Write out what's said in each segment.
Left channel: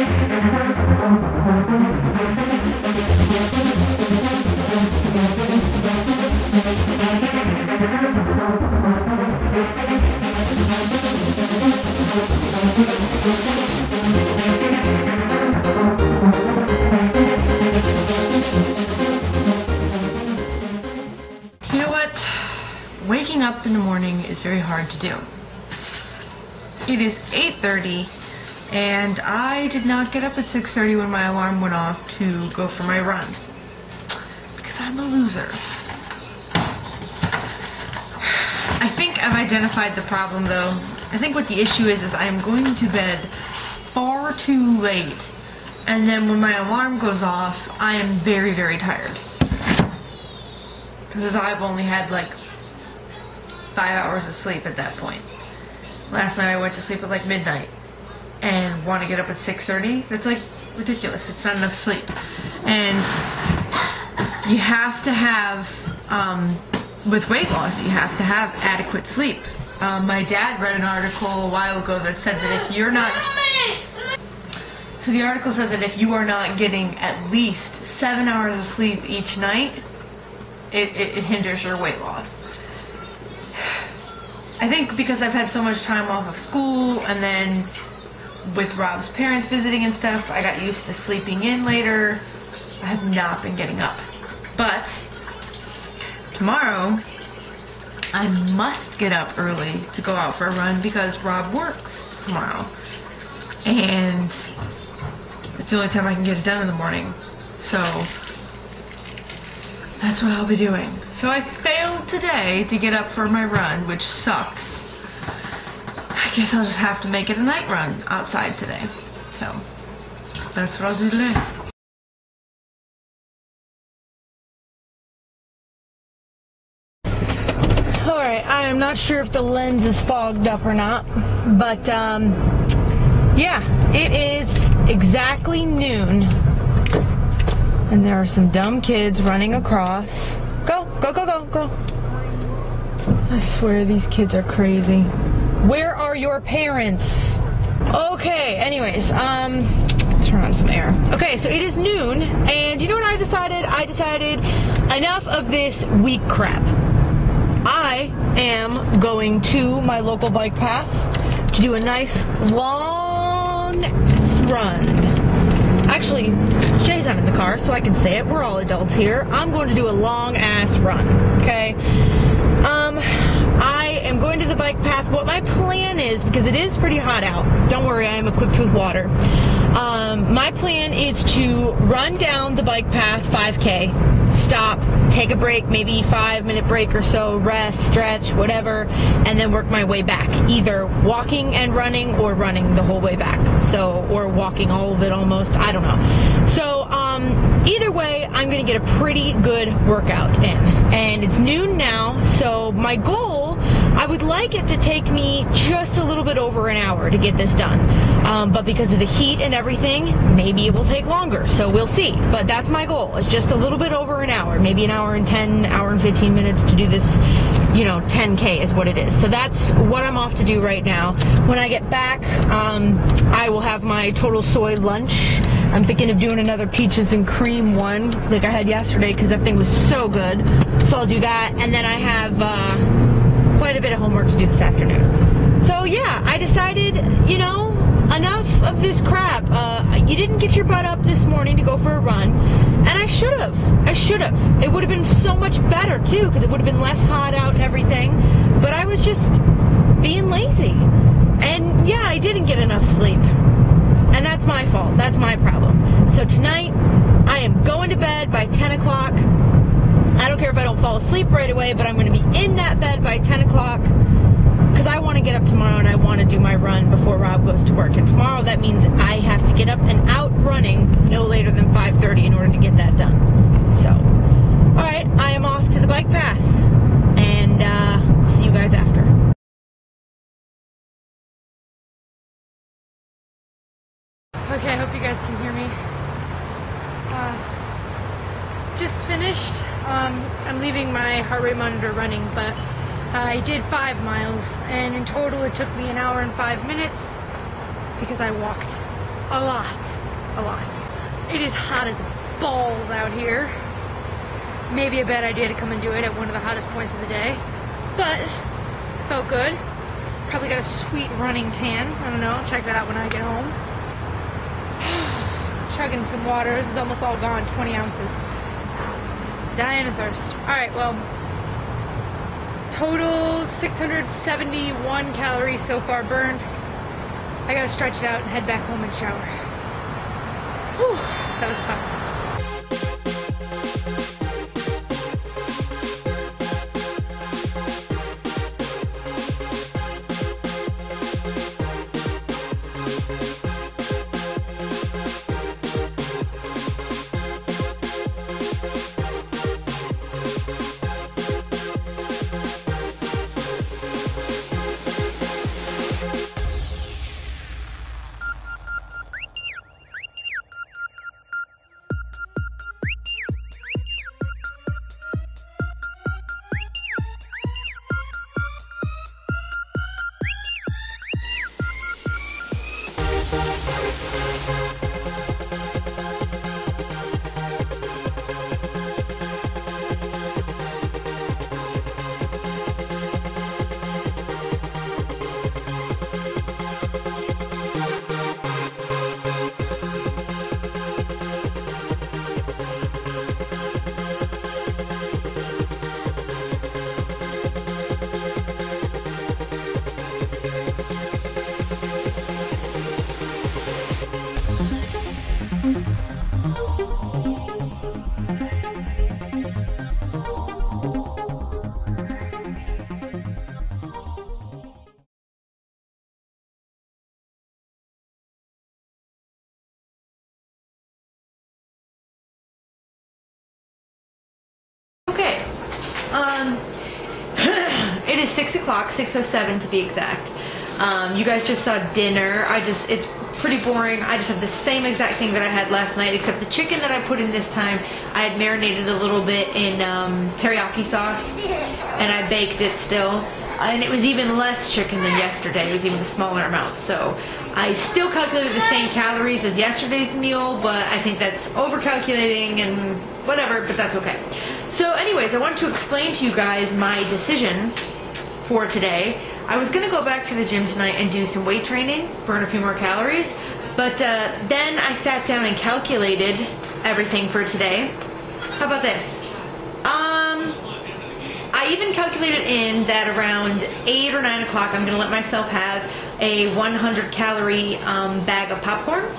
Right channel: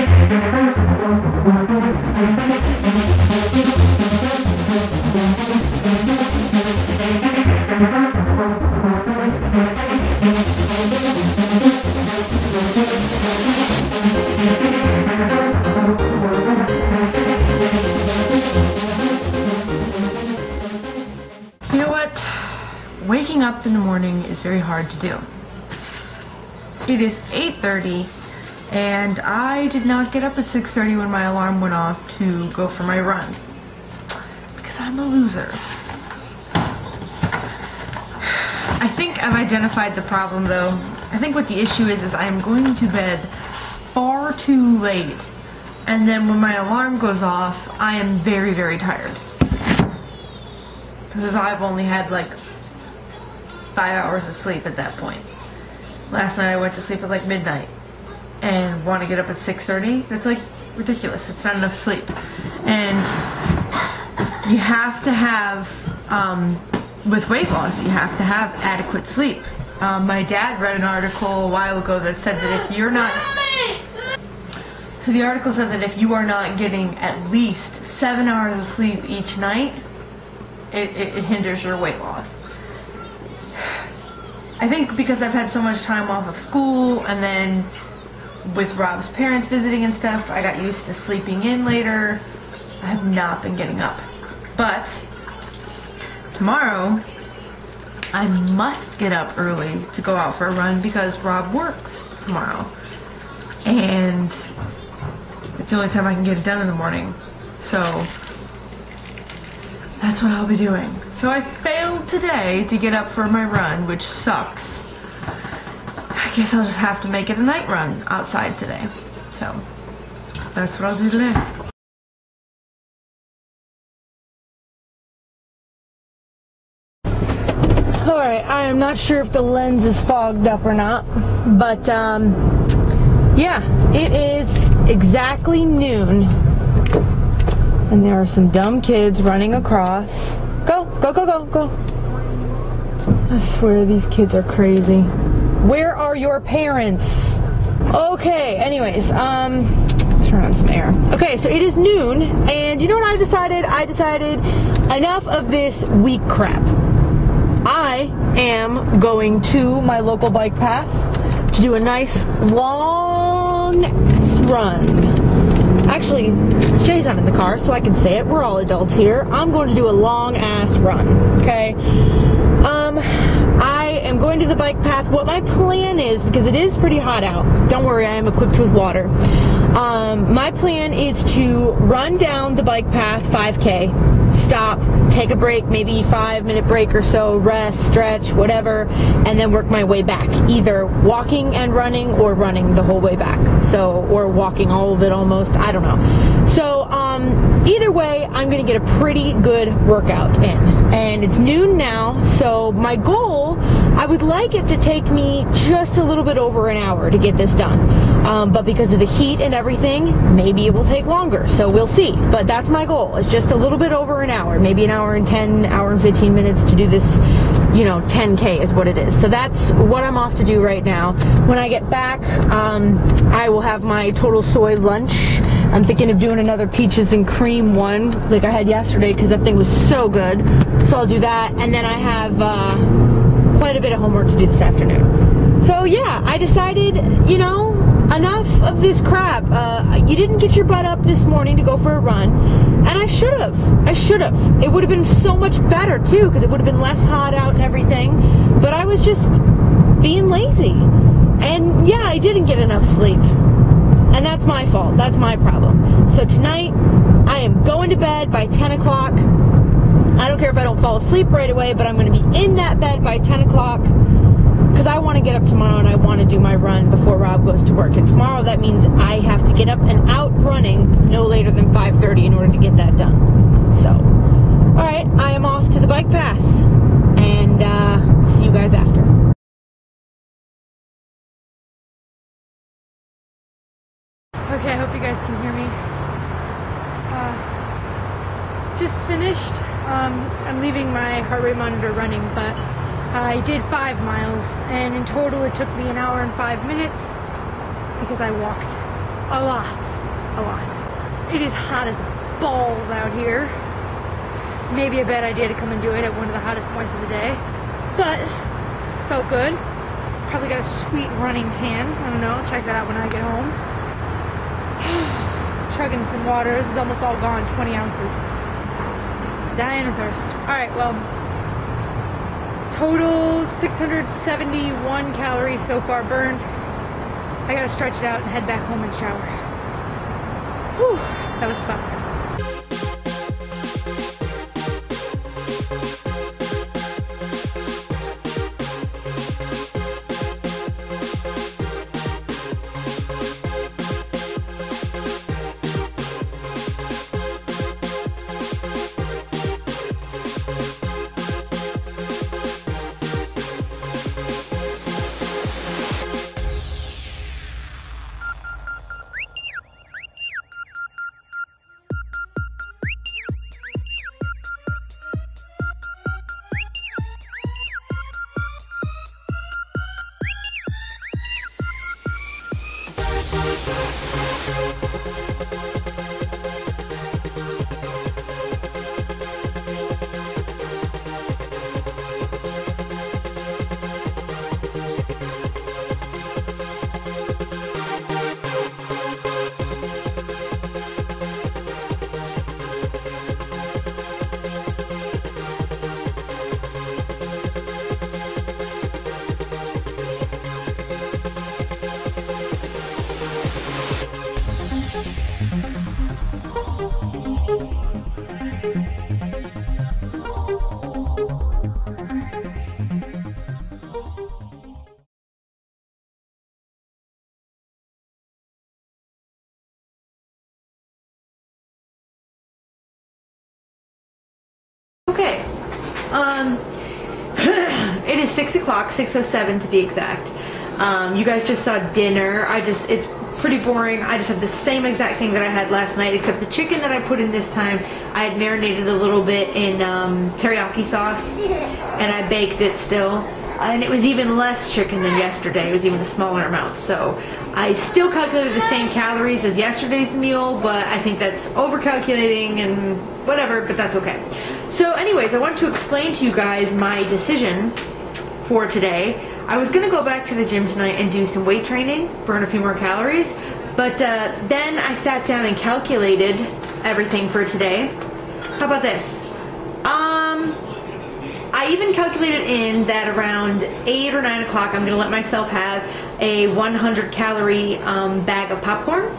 You know what? Waking up in the morning is very hard to do. It is 8:30 and I did not get up at 6:30 when my alarm went off to go for my run. Because I'm a loser. I think I've identified the problem though. I think what the issue is I'm going to bed far too late. And then when my alarm goes off, I am very, very tired. Because I've only had like 5 hours of sleep at that point. Last night I went to sleep at like midnight and want to get up at 6:30. That's like ridiculous. It's not enough sleep. And you have to have, with weight loss, you have to have adequate sleep. My dad read an article a while ago that said that if you're not... So the article said that if you are not getting at least 7 hours of sleep each night, it hinders your weight loss. I think because I've had so much time off of school and then with Rob's parents visiting and stuff, I got used to sleeping in later. I have not been getting up. But tomorrow, I must get up early to go out for a run because Rob works tomorrow. And it's the only time I can get it done in the morning. So that's what I'll be doing. So I failed today to get up for my run, which sucks. I guess I'll just have to make it a night run outside today. So that's what I'll do today. Alright, I am not sure if the lens is fogged up or not, but yeah, it is exactly noon. And there are some dumb kids running across. Go, go, go, go, go. I swear these kids are crazy. Where are your parents? Okay, anyways, turn on some air. Okay, so it is noon, and you know what I decided? I decided enough of this weak crap. I am going to my local bike path to do a nice long run. Actually, Jay's not in the car, so I can say it. We're all adults here. I'm going to do a long-ass run, okay? I am going to the bike path. What my plan is, because it is pretty hot out, don't worry, I am equipped with water. My plan is to run down the bike path 5K, stop, take a break, maybe 5-minute break or so, rest, stretch, whatever, and then work my way back. Either walking and running or running the whole way back. So, or walking all of it almost, I don't know. So, either way, I'm going to get a pretty good workout in. And it's noon now, so my goal, I would like it to take me just a little bit over an hour to get this done. But because of the heat and everything, maybe it will take longer. So we'll see. But that's my goal. It's just a little bit over an hour. Maybe an hour and 10, hour and 15 minutes to do this, you know, 10K is what it is. So that's what I'm off to do right now. When I get back, I will have my total soy lunch. I'm thinking of doing another peaches and cream one like I had yesterday because that thing was so good. So I'll do that. And then I have quite a bit of homework to do this afternoon. So yeah, I decided, you know, enough of this crap. You didn't get your butt up this morning to go for a run, and I should have. I should have. It would have been so much better too, because it would have been less hot out and everything. But I was just being lazy, and yeah, I didn't get enough sleep, and that's my fault. That's my problem. So tonight, I am going to bed by 10 o'clock. I don't care if I don't fall asleep right away, but I'm going to be in that bed by 10 o'clock. Because I want to get up tomorrow and I want to do my run before Rob goes to work. And tomorrow that means I have to get up and out running no later than 5:30 in order to get that done. So, alright, I am off to the bike path. And I'll see you guys after. Okay, I hope you guys can hear me. Just finished. I'm leaving my heart rate monitor running, but I did 5 miles, and in total it took me an hour and 5 minutes because I walked. a lot. It is hot as balls out here. Maybe a bad idea to come and do it at one of the hottest points of the day, but felt good. Probably got a sweet running tan. I don't know, I'll check that out when I get home. Chugging some water. This is almost all gone, 20 ounces. Dying of thirst. Alright, well, total 671 calories so far burned. I gotta stretch it out and head back home and shower. Whew, that was fun. Okay, it is 6 o'clock, 6:07 to be exact. You guys just saw dinner. It's pretty boring. I just have the same exact thing that I had last night, except the chicken that I put in this time, I had marinated a little bit in teriyaki sauce, and I baked it still. And it was even less chicken than yesterday. It was even a smaller amount. So I still calculated the same calories as yesterday's meal, but I think that's over-calculating and whatever, but that's okay. So anyways, I want to explain to you guys my decision for today. I was going to go back to the gym tonight and do some weight training, burn a few more calories, but then I sat down and calculated everything for today. How about this? I even calculated in that around 8 or 9 o'clock I'm going to let myself have a 100 calorie bag of popcorn.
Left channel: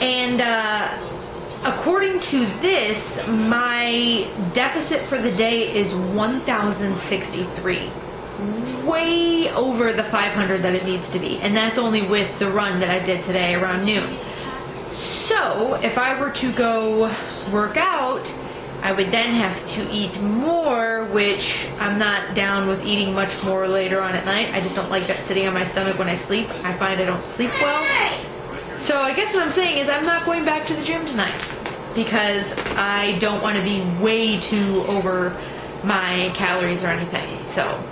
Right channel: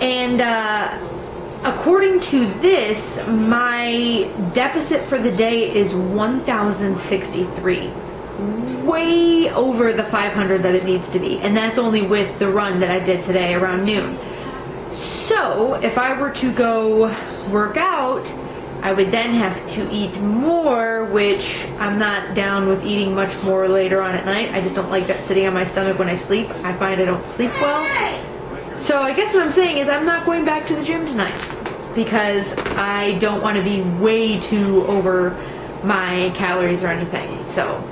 And according to this, my deficit for the day is 1,063. Way over the 500 that it needs to be. And that's only with the run that I did today around noon. So if I were to go work out, I would then have to eat more, which I'm not down with eating much more later on at night. I just don't like that sitting on my stomach when I sleep. I find I don't sleep well. So I guess what I'm saying is I'm not going back to the gym tonight because I don't want to be way too over my calories or anything. So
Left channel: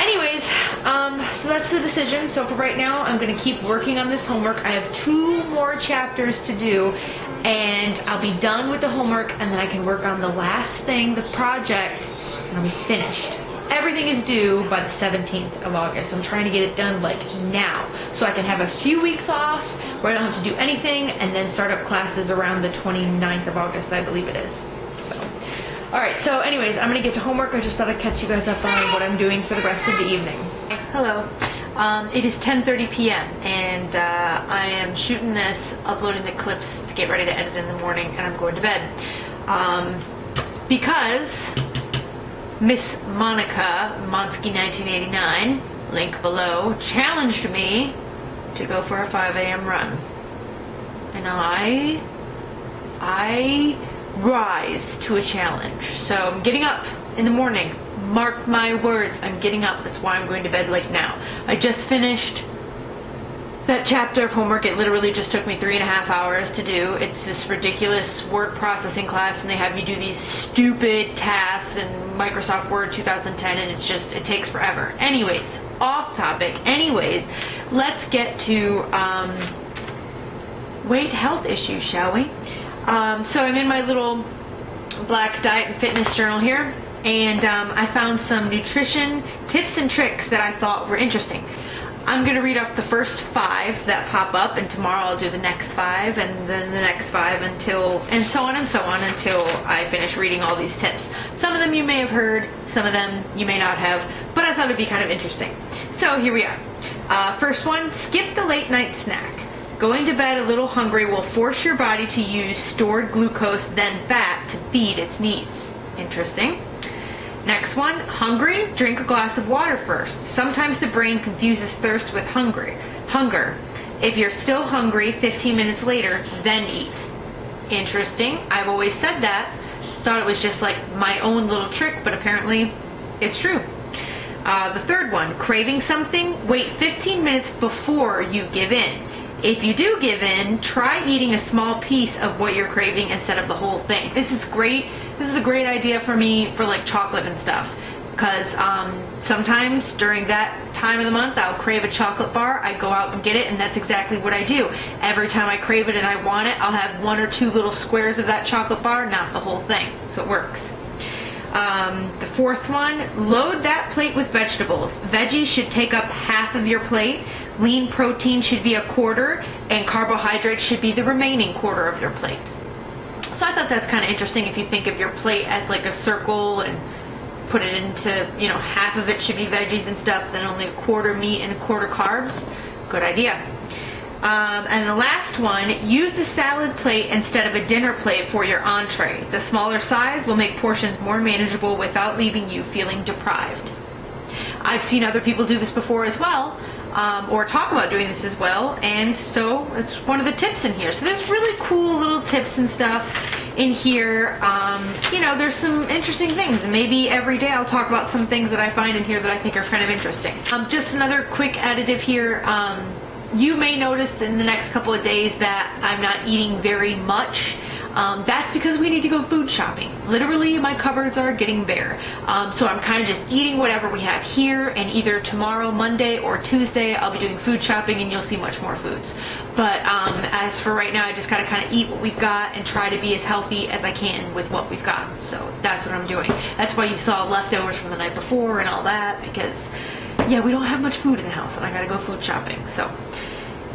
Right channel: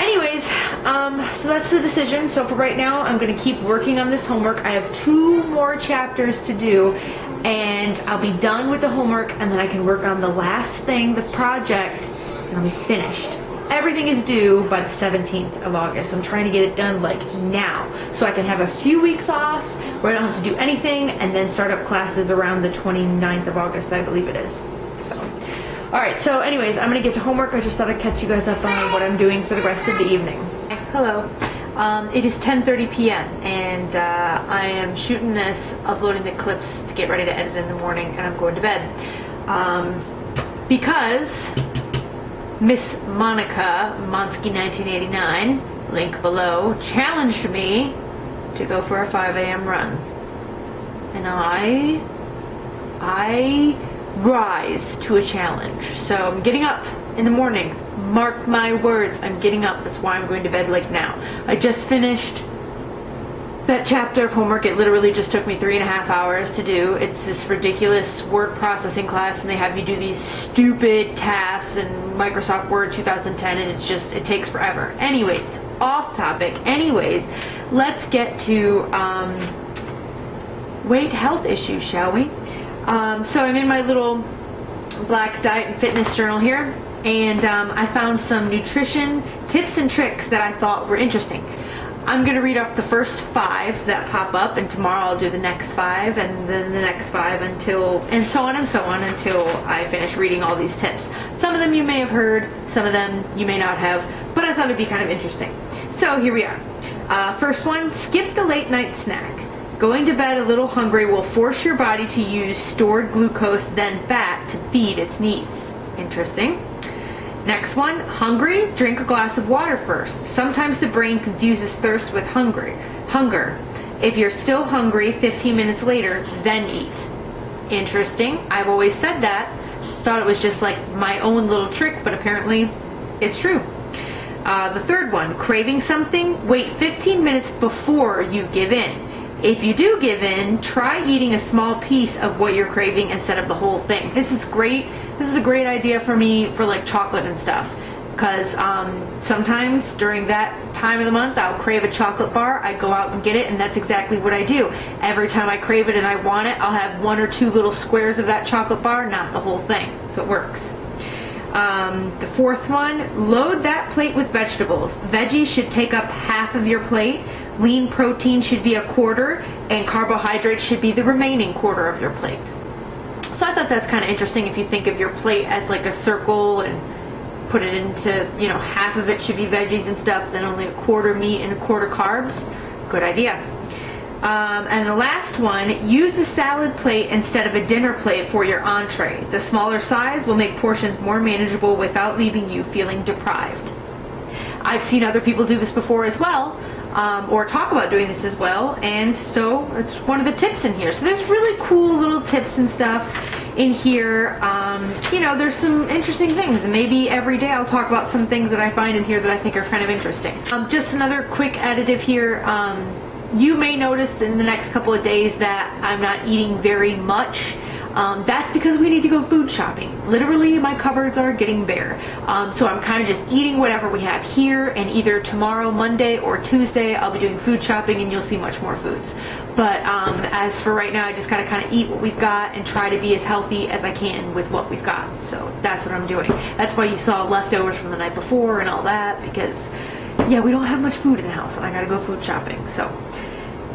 anyways, so that's the decision. So for right now, I'm going to keep working on this homework. I have 2 more chapters to do, and I'll be done with the homework, and then I can work on the last thing, the project, and I'll be finished. Everything is due by the 17th of August, so I'm trying to get it done like now, so I can have a few weeks off where I don't have to do anything, and then start up classes around the 29th of August, I believe it is. So, alright, so anyways, I'm going to get to homework. I just thought I'd catch you guys up on what I'm doing for the rest of the evening. Hello. It is 10:30 p.m. and I am shooting this, uploading the clips to get ready to edit in the morning, and I'm going to bed. Because Miss Monika, Monsky1989, link below, challenged me to go for a 5 a.m. run. And I rise to a challenge. So I'm getting up in the morning. Mark my words, I'm getting up. That's why I'm going to bed like now. I just finished that chapter of homework. It literally just took me 3.5 hours to do. It's this ridiculous word processing class, and they have you do these stupid tasks in Microsoft Word 2010, and it's just, it takes forever. Anyways, off topic. Anyways, let's get to weight health issues, shall we? So I'm in my little black diet and fitness journal here, and I found some nutrition tips and tricks that I thought were interesting. I'm going to read off the first 5 that pop up, and tomorrow I'll do the next 5, and then the next 5 and so on until I finish reading all these tips. Some of them you may have heard, some of them you may not have, but I thought it'd be kind of interesting. So here we are. First one, skip the late night snack. Going to bed a little hungry will force your body to use stored glucose, then fat, to feed its needs. Interesting. Next one, hungry, drink a glass of water first. Sometimes the brain confuses thirst with hunger. If you're still hungry 15 minutes later, then eat. Interesting. I've always said that. Thought it was just like my own little trick, but apparently it's true. The third one, craving something, wait 15 minutes before you give in. If you do give in, try eating a small piece of what you're craving instead of the whole thing. This is great. This is a great idea for me for like chocolate and stuff, because sometimes during that time of the month I'll crave a chocolate bar. I go out and get it, and that's exactly what I do. Every time I crave it and I want it, I'll have 1 or 2 little squares of that chocolate bar, not the whole thing. So it works. The fourth one, load that plate with vegetables. Veggies should take up half of your plate. Lean protein should be 1/4, and carbohydrates should be the remaining 1/4 of your plate. So I thought that's kind of interesting. If you think of your plate as like a circle and put it into, half of it should be veggies and stuff, then only 1/4 meat and 1/4 carbs. Good idea. And the last one, use the salad plate instead of a dinner plate for your entree. The smaller size will make portions more manageable without leaving you feeling deprived. I've seen other people do this before as well, or talk about doing this as well, and so it's one of the tips in here. So there's really cool little tips and stuff in here. There's some interesting things, and maybe every day I'll talk about some things that I find in here that I think are kind of interesting. Just another quick additive here. You may notice in the next couple of days that I'm not eating very much. That's because we need to go food shopping. Literally, my cupboards are getting bare. So I'm kind of just eating whatever we have here, and either tomorrow, Monday, or Tuesday, I'll be doing food shopping, and you'll see much more foods. But as for right now, I just gotta kind of eat what we've got and try to be as healthy as I can with what we've got. So that's what I'm doing. That's why you saw leftovers from the night before and all that, because yeah, we don't have much food in the house, and I gotta go food shopping. So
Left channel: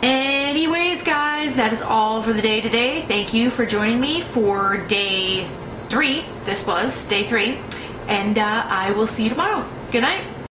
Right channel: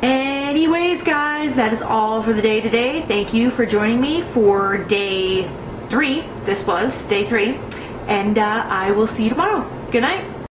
anyways, guys, that is all for the day today. Thank you for joining me for day 3. This was day 3, and I will see you tomorrow. Good night.